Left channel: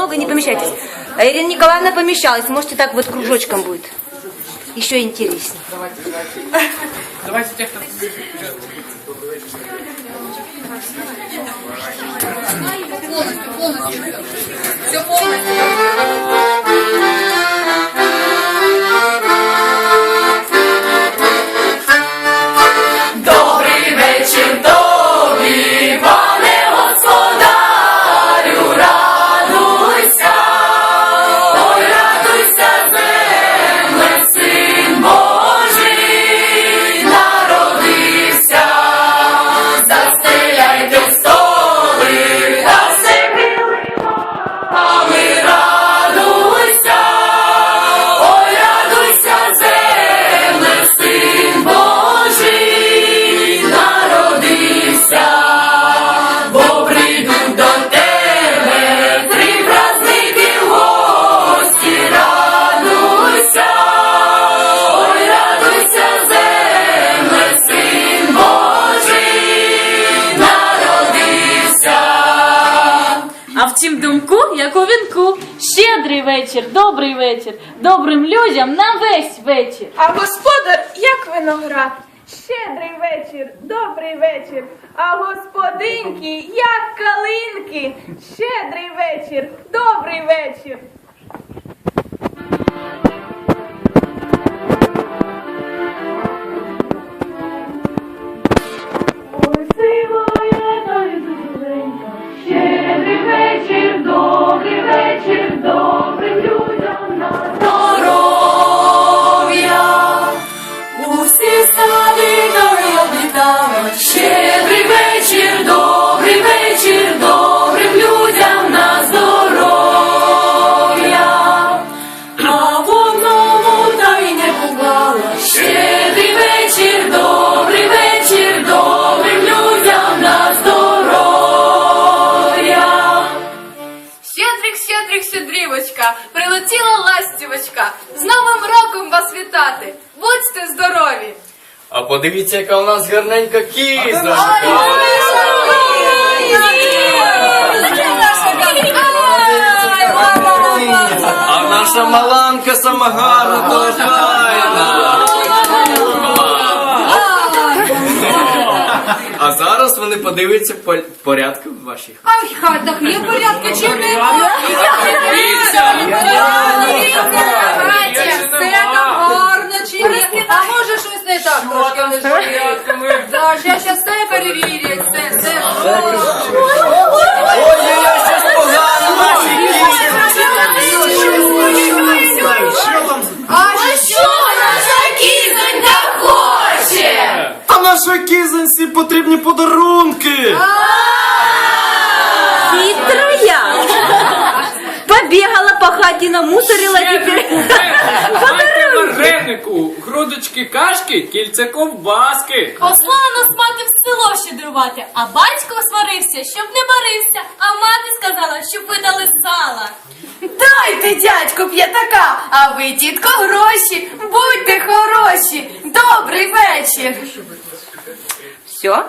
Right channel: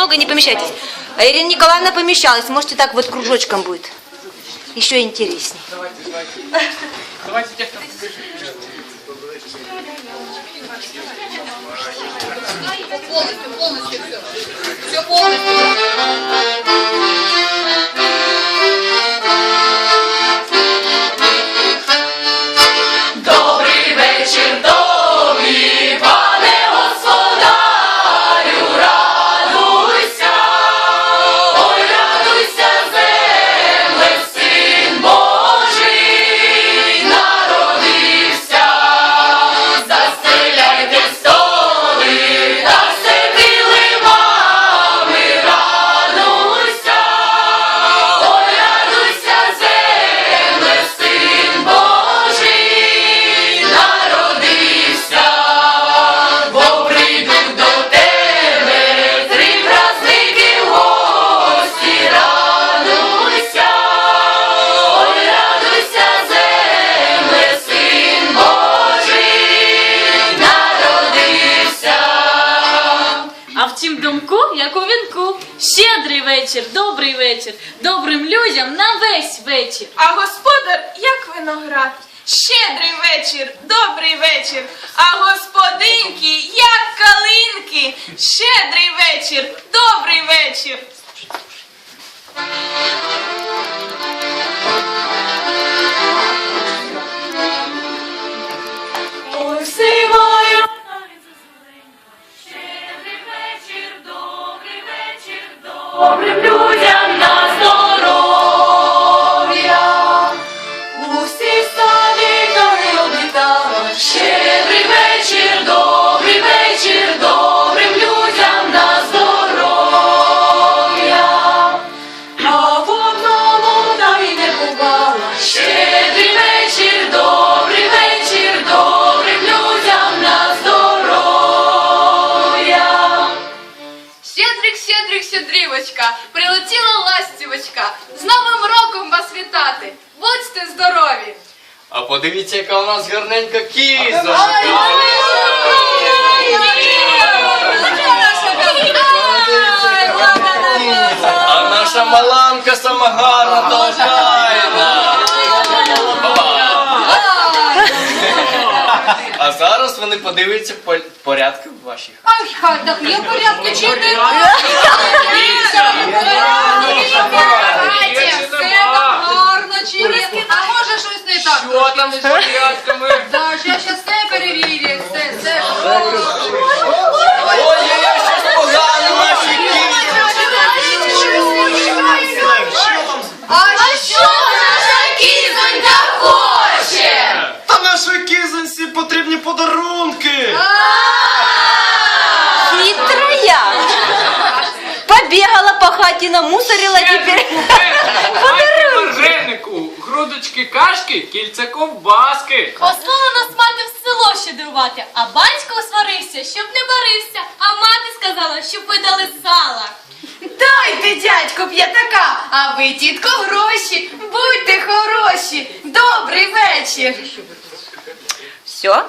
много не помещайтесь. А Ирина Николаевна помещалась. Можете так вот кружочком будет. Еще интереснее. Давайте тех, кто Полностью, полностью все. Все полностью. Як у вінку, щедрий вечір, добрий вечір, добрим людям на весь вечір. А господар, як виноград, щедрий вечір, добрий вечір, а господинки, як калинки, щедрий вечір, добрий вечір. Щедрівочка, прилетіла ластівочка. З Новим роком вас вітати! Будьте здорові! А подивіться, яка у нас гарненька кіза. А наша маланка сама гарна вони подивляться по- порядки в вашій хаті. Ай, в хатах є порядки чи не? Все так гарно чи ні? А може щось не так? Так, я щас все перевірю, все, все. Ой, я погано в вашій А що наша Кізонька хоче! Та кізоньці потрібні подарунки. Намусорила теперь. Дайте варенику, грудочки кашки, кільце ковбаски. Послала нас мати в село щедрувати, а батько сварився, щоб не барився, а мати сказала, щоб ви дали сала. Дайте, дядьку, п'ятака, а ви, тітко, гроші, будьте хороші. Добрий вечір. Все?